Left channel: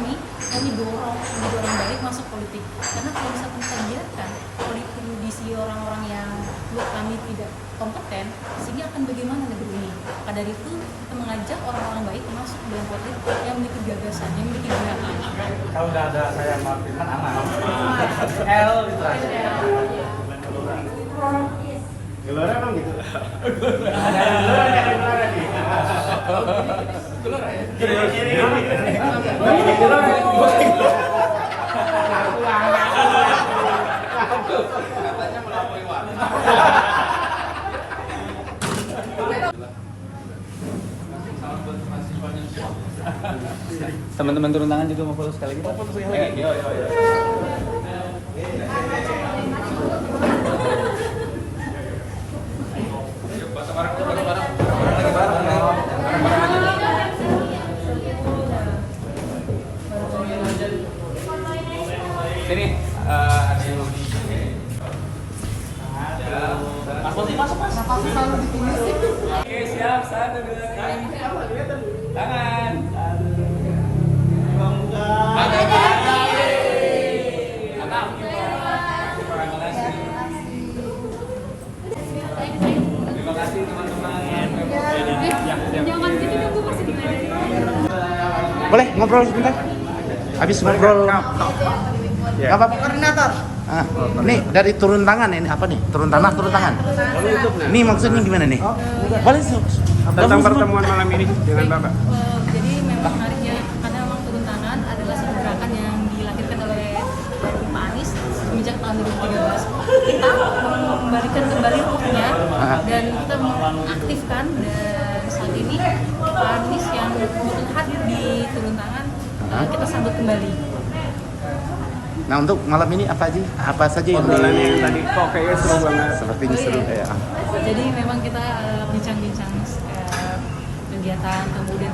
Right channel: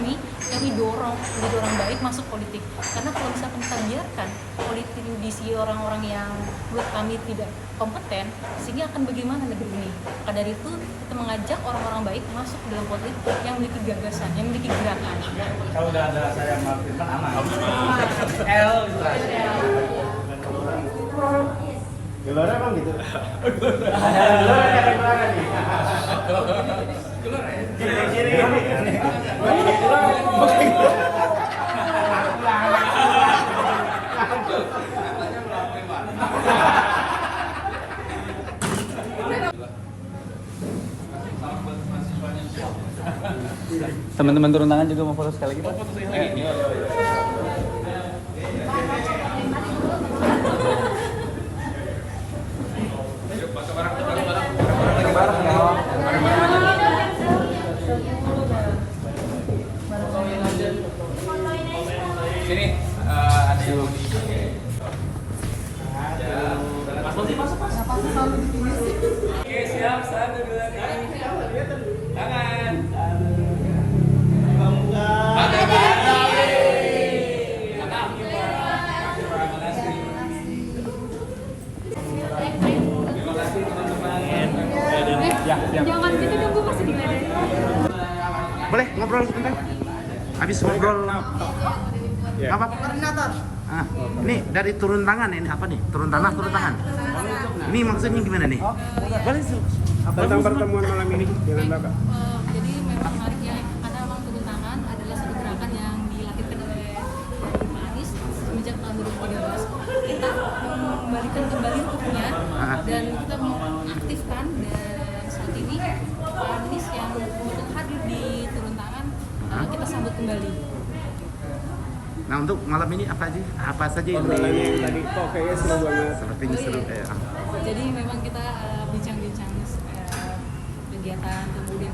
kami dorong menjadi orang baik masuk politik. Karena kalau misalkan kita biarkan politik diisi orang-orang yang menurut kami tidak kompeten, sehingga akan bagaimana negeri ini. Maka dari itu kita mengajak orang-orang baik masuk ke dalam politik yang memiliki gagasan, yang memiliki gerakan. Kalau udah ada saya Martin aman. L literasi. Gelora emang gitu. Teman-teman turun tangan juga mau follow sekali lagi, Pak. Iya. Sini ada yang mau di. Masuk. Kenapa selalu dipilih sih? Oke, siap. 1, 2, 3. Tangan. Terima kasih teman-teman. Jangan gitu dong, gue masih diledekin. Boleh ngobrol sebentar? Habis ngobrol. Enggak apa-apa. Koordinator. Ah, ini dari turun tangan ini apa nih? Turun tanah, turun tangan. Ini maksudnya gimana nih? Boleh Tentang pertemuan malam ini dengan Bapak. Jadi memang menariknya karena memang turun tangan adalah satu gerakan yang dilahirkan oleh Pak Anies semenjak tahun 2013. Kita mengembalikan kembali ruhnya dan kita mengaktifkan, dan saat ini Pak Anies yang hadir di turun tangan kita sambut kembali. Nah, untuk malam ini apa saja yang Tadi kok kayaknya seru banget. sepertinya seru ya. Jadi memang kita bincang-bincang kegiatan, kemudian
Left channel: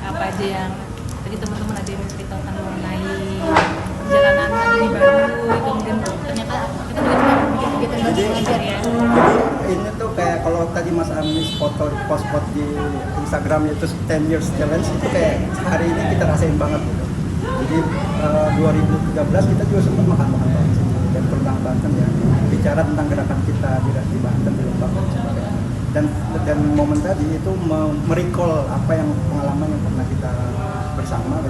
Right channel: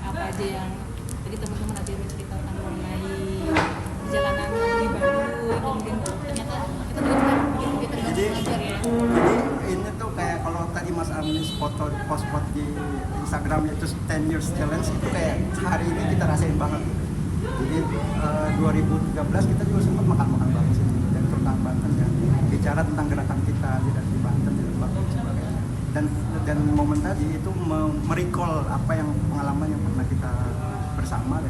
apa aja yang tadi teman-teman ada yang menceritakan mengenai perjalanan ini baru, kemudian ternyata kita juga cuma bikin kegiatan belajar ya. Jadi ini tuh kayak kalau tadi Mas Anies post di Instagram itu 10 years challenge, itu kayak hari ini kita rasain banget gitu. Jadi 2013 kita juga sempat makan-makan bareng sini dan tentang Banten ya, bicara tentang gerakan kita di Banten, di Lembang dan sebagainya. Dan momen tadi itu merecall apa yang pengalaman yang pernah kita bersama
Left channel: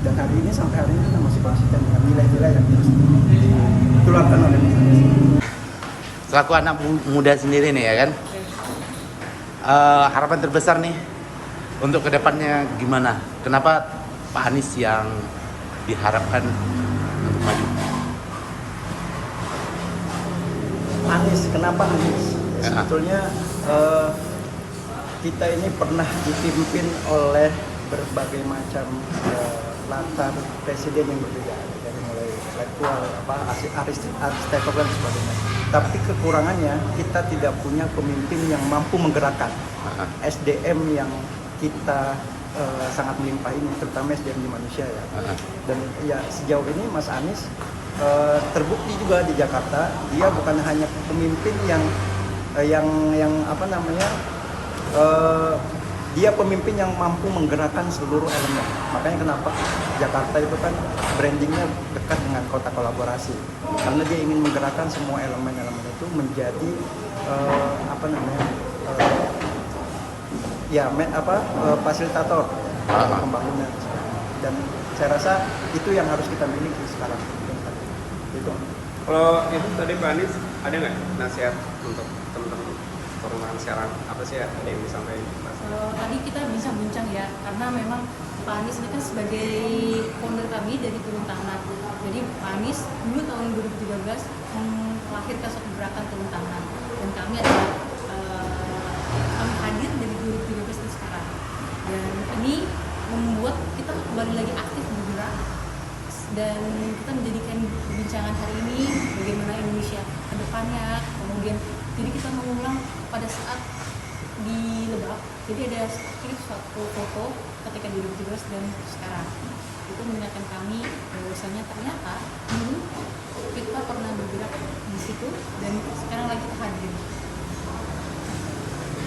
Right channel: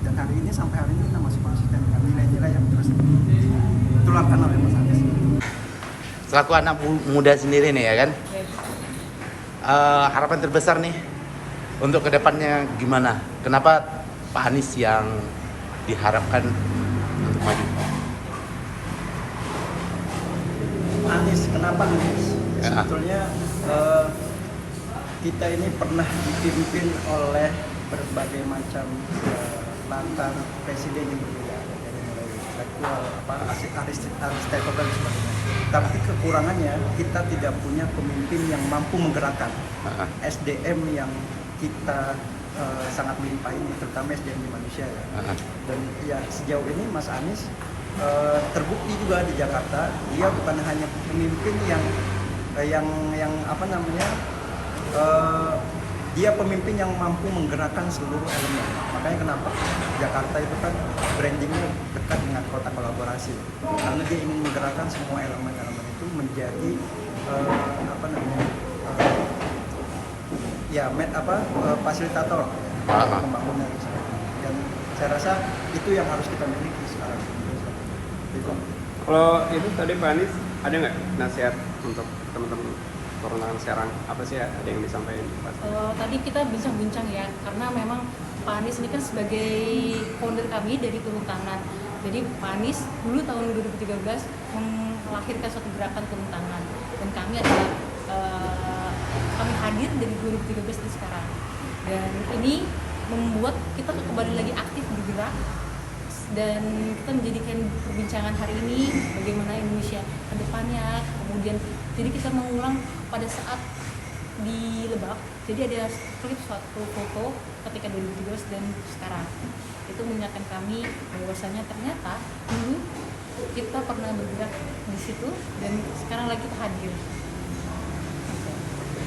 dan hari ini sampai hari ini kita masih konsisten dengan nilai-nilai yang terus ditularkan oleh Mas Anies. Selaku anak muda sendiri nih ya kan, harapan terbesar nih untuk kedepannya gimana? Kenapa Pak Anies yang diharapkan untuk maju? Anies, kenapa Anies? Ya. Sebetulnya kita ini pernah dipimpin oleh berbagai macam latar presiden yang berbeda, dari mulai intelektual, arsitektur dan sebagainya. Tapi kekurangannya kita tidak punya pemimpin yang mampu menggerakkan SDM yang kita sangat melimpah ini, terutama SDM manusia ya. Dan ya sejauh ini Mas Anies terbukti juga di Jakarta, dia bukan hanya pemimpin yang apa namanya, dia pemimpin yang mampu menggerakkan seluruh elemen. Makanya kenapa Jakarta itu kan brandingnya dekat dengan kota kolaborasi, karena dia ingin menggerakkan semua elemen-elemen itu menjadi apa namanya, fasilitator pembangunan. Dan saya rasa itu yang harus kita miliki sekarang. Itu. Kalau itu tadi Pak Anies ada nggak nasihat untuk teman-teman orang sekarang, apa sih ada yang disampaikan? Tadi kita bincang-bincang ya, karena memang Pak Anies ini kan sebagai founder kami dari turun tangan. Jadi Pak Anies dulu tahun 2013 melahirkan suatu gerakan turun tangan, dan kami adalah kami hadir dari 2013 ke sekarang. Dan ini membuat kita kembali lagi aktif bergerak, dan kita menjadikan perbincangan hari ini bagaimana Indonesia ke depannya. Kemudian jadi kita mengulang pada saat di Lebak, jadi ada klip suatu foto ketika 2017 dan sekarang. Itu mengingatkan kami bahwasanya ternyata dulu kita pernah bergerak di situ dan sekarang lagi kita hadir.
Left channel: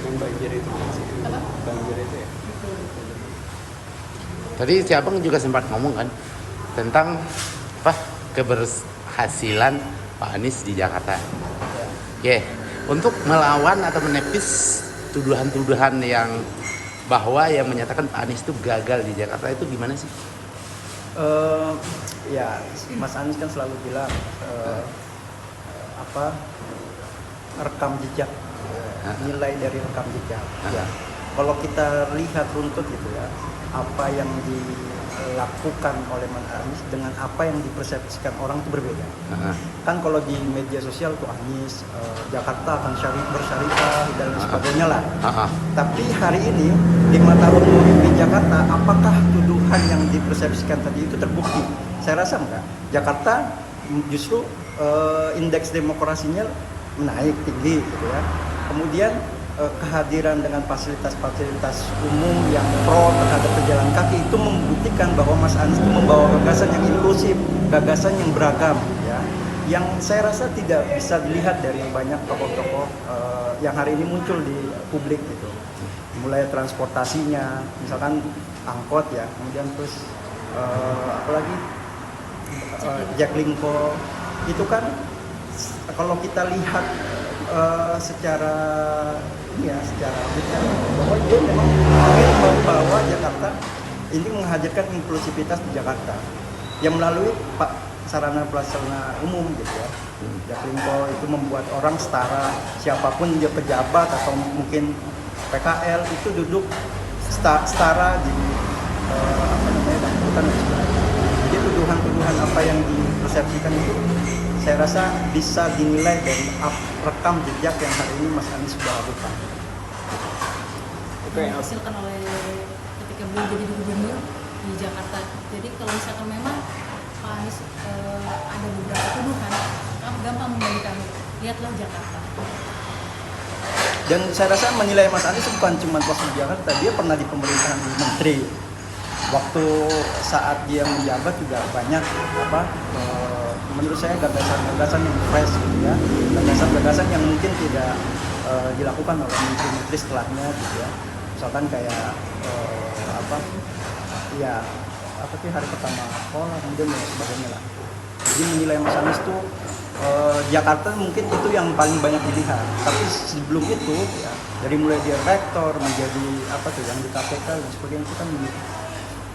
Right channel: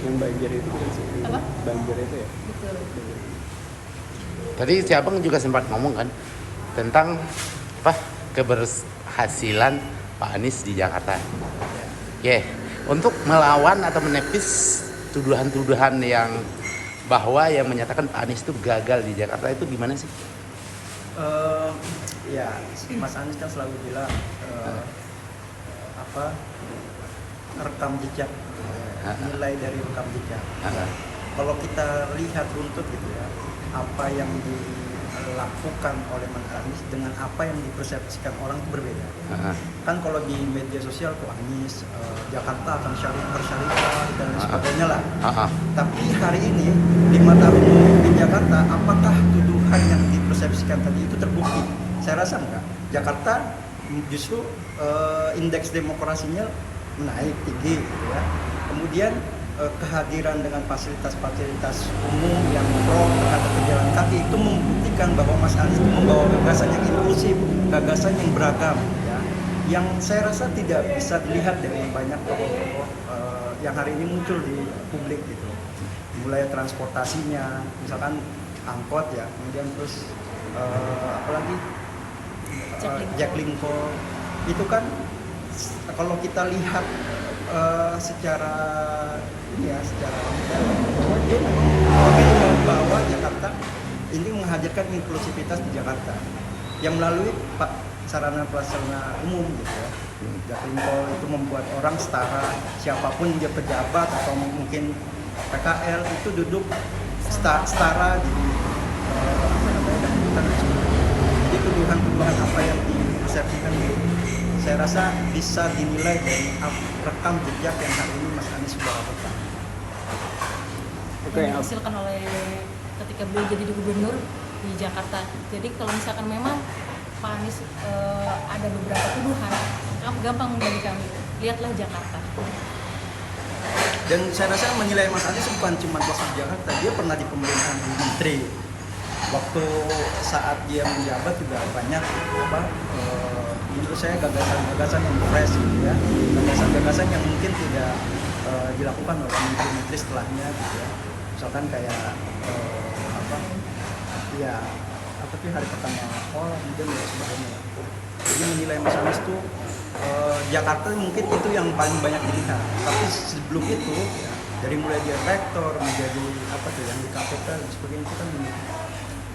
Yang banjir itu Apa? banjir itu ya? Betul. Tadi si Abang juga sempat ngomong kan tentang apa keberhasilan Pak Anies di Jakarta. Oke, untuk melawan atau menepis tuduhan-tuduhan yang bahwa yang menyatakan Pak Anies itu gagal di Jakarta itu gimana sih? Ya, Mas Anies kan selalu bilang apa rekam jejak, nilai dari rekam jejak. Ya. Kalau kita lihat runtut gitu ya, apa yang dilakukan oleh Mas Anies dengan apa yang dipersepsikan orang itu berbeda. Kan kalau di media sosial tuh Anies, Jakarta akan bersyariah dan sebagainya lah. Tapi hari ini 5 tahun di Jakarta, apakah tuduhan yang dipersepsikan tadi itu terbukti? Saya rasa enggak. Jakarta justru indeks demokrasinya naik tinggi gitu ya. Kemudian kehadiran dengan fasilitas-fasilitas umum yang pro terhadap pejalan kaki itu membuktikan bahwa Mas Anies itu membawa gagasan yang inklusif, gagasan yang beragam ya. Yang saya rasa tidak bisa dilihat dari banyak tokoh-tokoh yang hari ini muncul di publik gitu. Mulai transportasinya, misalkan angkot ya, kemudian terus apalagi Jaklingko itu kan kalau kita lihat secara ini ya, secara bahwa dia memang ingin membawa Jakarta ini menghadirkan inklusivitas di Jakarta yang melalui sarana prasarana umum gitu ya. Jaklingko itu membuat orang setara, siapapun dia pejabat atau mungkin PKL itu duduk setara di apa namanya dangdutan. Jadi tuduhan-tuduhan apa yang dipersepsikan itu saya rasa bisa dinilai dari rekam jejak yang hari ini Mas Anies sudah lakukan. Yang dihasilkan oleh ketika beliau jadi gubernur di Jakarta. Jadi kalau misalkan memang Pak Anies ada beberapa tuduhan, kamu gampang membalikan. Lihatlah Jakarta. Dan saya rasa menilai Mas Anies bukan cuma pas di Jakarta, dia pernah di pemerintahan menteri. Waktu saat dia menjabat juga banyak menurut saya gagasan-gagasan yang fresh gitu ya, gagasan-gagasan yang mungkin tidak dilakukan oleh menteri-menteri setelahnya gitu ya. Misalkan kayak hari pertama sekolah kemudian dan sebagainya lah. Jadi menilai Mas Anies tuh Jakarta mungkin itu yang paling banyak dilihat, tapi sebelum itu ya, dari mulai dia rektor menjadi yang di KPK dan sebagainya itu kan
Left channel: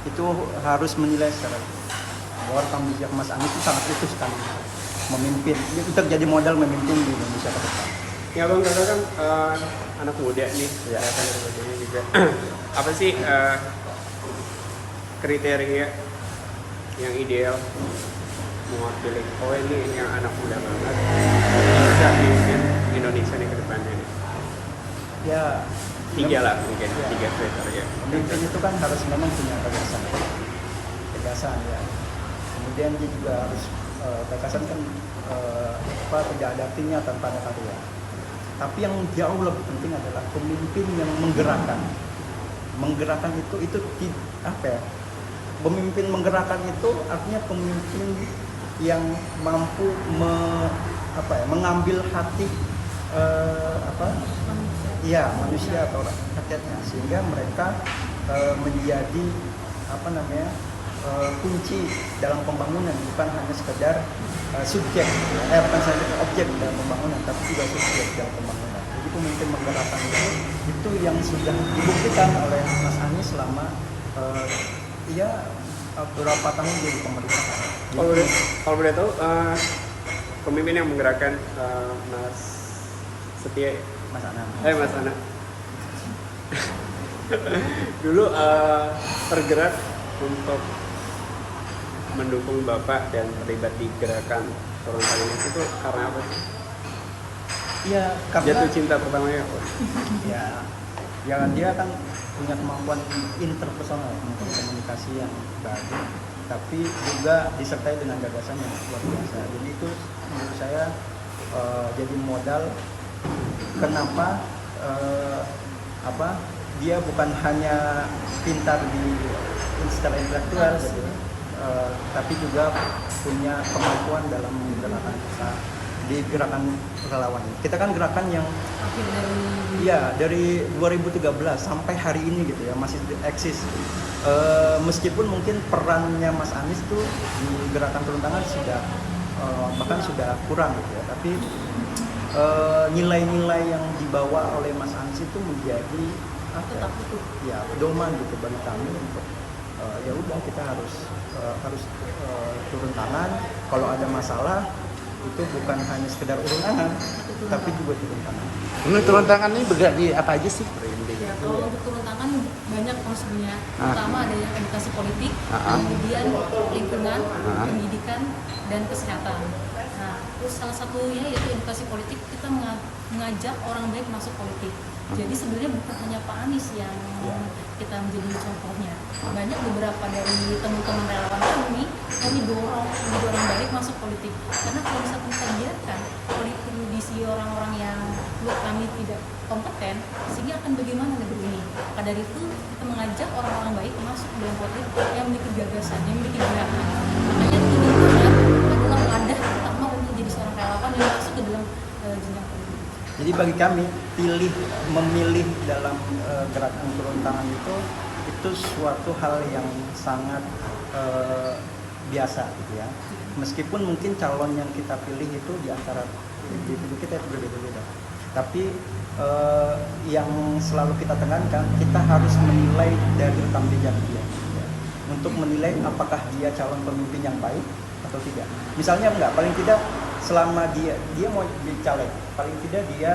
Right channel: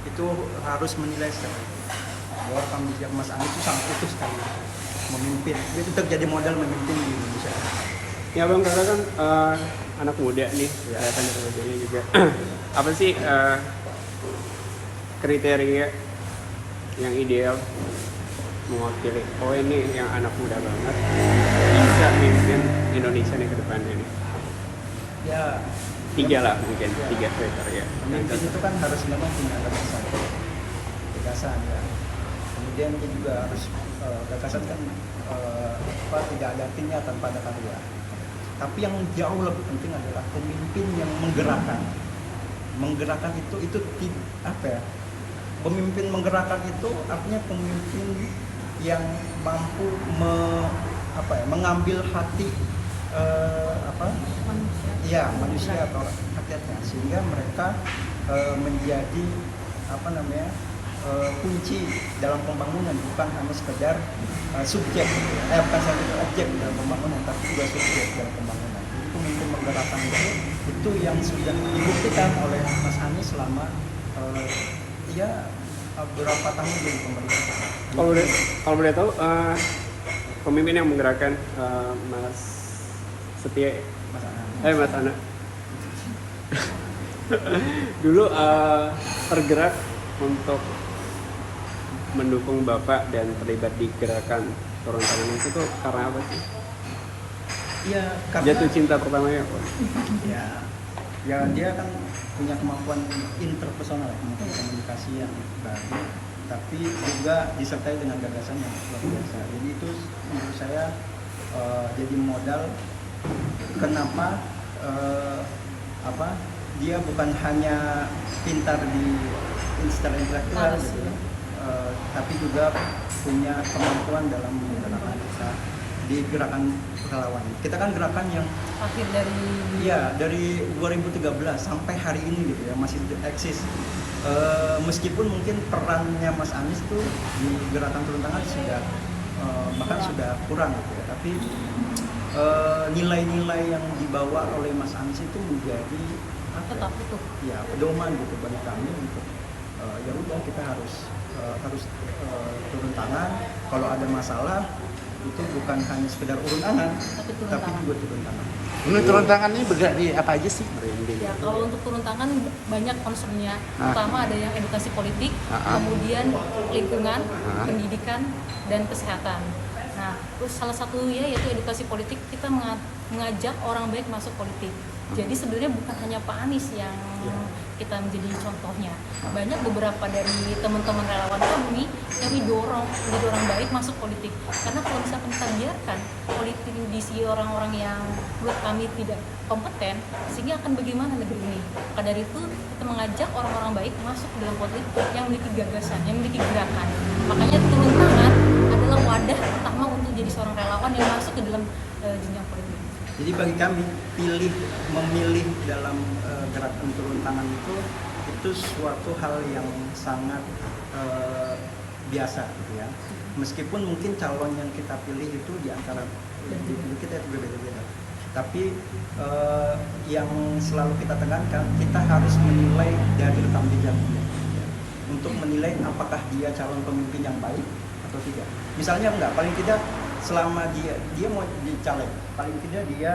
itu harus menilai secara bahwa rekam jejak Mas Anies itu sangat utuh sekali memimpin, itu terjadi modal memimpin di Indonesia ke depan. Ya Bang, karena kan anak muda nih, anak mudanya juga. Apa sih kriteria yang ideal mewakili? Oh ini yang anak muda yang bisa memimpin Indonesia nih ke depannya nih. Ya. 3 lah mungkin, 3 kriteria. Pemimpin itu kan harus memang punya gagasan ya. Kemudian dia juga harus gagasan kan tidak ada artinya tanpa ada karya. Tapi yang jauh lebih penting adalah pemimpin yang menggerakkan. Menggerakkan itu apa ya? Pemimpin menggerakkan itu artinya pemimpin yang mampu mengambil hati manusia atau rakyatnya, sehingga mereka menjadi kunci dalam pembangunan, bukan hanya sekedar subjek, bukan saja objek dalam pembangunan, tapi juga subjek dalam pembangunan. Jadi pemimpin menggerakkan itu yang sudah dibuktikan oleh Mas Anies selama beberapa tahun jadi pemerintahan. Kalau boleh tahu, pemimpin yang menggerakkan Mas Setia, Mas Anan. Mas Anan. Dulu tergerak untuk mendukung Bapak dan terlibat di gerakan Orang itu tuh karena apa sih? Iya, karena jatuh cinta pertamanya. Ya dia kan punya kemampuan interpersonal, kemampuan komunikasi yang bagus, tapi juga disertai dengan gagasan yang luar biasa. Jadi itu menurut saya jadi modal kenapa dia bukan hanya pintar secara intelektual gitu, tapi juga punya kemampuan dalam menggerakkan massa, di gerakan relawan. Kita kan gerakan yang Akhir dari iya dari 2013 sampai hari ini gitu ya masih eksis. Meskipun mungkin perannya Mas Anies tuh di gerakan turun tangan sudah bahkan sudah kurang gitu ya, tapi nilai-nilai yang dibawa oleh Mas Anies itu menjadi apa tetap utuh. ya pedoman gitu bagi kami untuk ya udah kita harus turun tangan kalau ada masalah, itu bukan hanya sekedar urun tangan tapi juga turun tangan. Menurut turun tangan ini bergerak di apa aja sih? Ya, kalau untuk turun tangan banyak konsumnya. Pertama ada yang edukasi politik, Ah. kemudian lingkungan, Ah. pendidikan, dan kesehatan. Nah, terus salah satunya yaitu edukasi politik, kita mengajak orang baik masuk politik. Jadi sebenarnya bukan hanya Pak Anies yang kita menjadi contohnya. Banyak beberapa dari teman-teman relawan kami dorong menjadi orang baik masuk politik. Karena kalau misalkan kita biarkan politik diisi orang-orang yang menurut kami tidak kompeten, sehingga akan bagaimana negeri ini. Maka dari itu kita mengajak orang-orang baik masuk ke dalam politik yang memiliki gagasan, yang memiliki gerakan. Makanya turun tangan adalah wadah pertama untuk jadi seorang relawan yang masuk ke dalam jenjang politik. Jadi bagi kami memilih dalam gerakan turun tangan itu suatu hal yang sangat biasa gitu ya. Meskipun mungkin calon yang kita pilih itu di antara individu kita itu berbeda-beda. Tapi yang selalu kita tekankan, kita harus menilai dari rekam jejak dia. Ya. Untuk menilai apakah dia calon pemimpin yang baik atau tidak. Misalnya paling tidak selama dia mau jadi caleg, paling tidak dia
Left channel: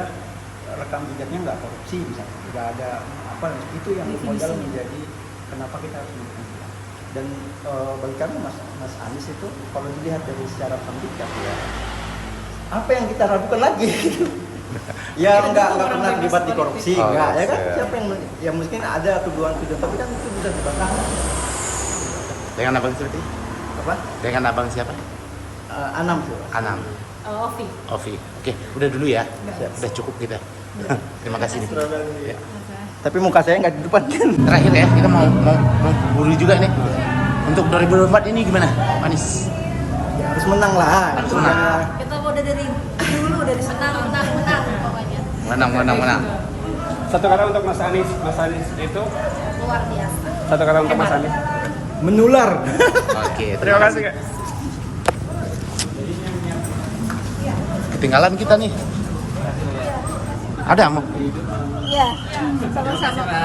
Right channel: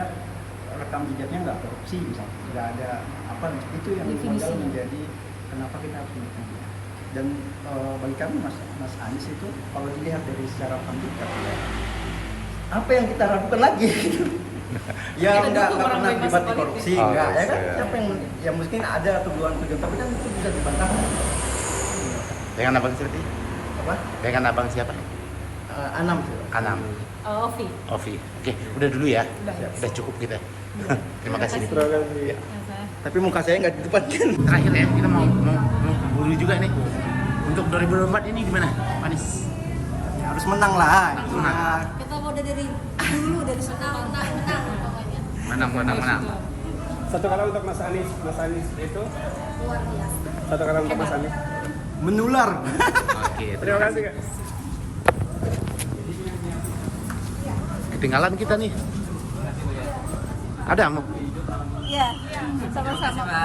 rekam jejaknya nggak korupsi misalnya, nggak ada apa, itu yang modal menjadi kenapa kita pilih dia. Dan bagi kami Mas Anies itu kalau dilihat dari secara rekam jejak ya, apa yang kita ragukan lagi gitu. Ya nggak pernah terlibat di korupsi, nggak ada kan? Siapa yang ya mungkin ada tuduhan-tuduhan, tapi kan itu sudah dibantahkan. Dengan abang seperti? Apa? Dengan abang siapa? Anam tuh. Anam. Ovi. Ovi. Oke, udah dulu ya. Baik. Udah cukup kita. Terima kasih nih. Ya. Tapi muka saya nggak di depan kan? Terakhir ya, kita mau buru juga nih. Untuk 2024 ini gimana, Anies? Ya, harus menang lah. Harus menang. Kita udah dari dulu dari sekarang pokoknya. Menang. Satu kata untuk Mas Anies. Mas Anies itu Luar biasa. satu kata untuk Mas Anies. Menular. Oke, Terima kasih Kak. Ketinggalan kita nih. Ada mau? Iya, sama-sama.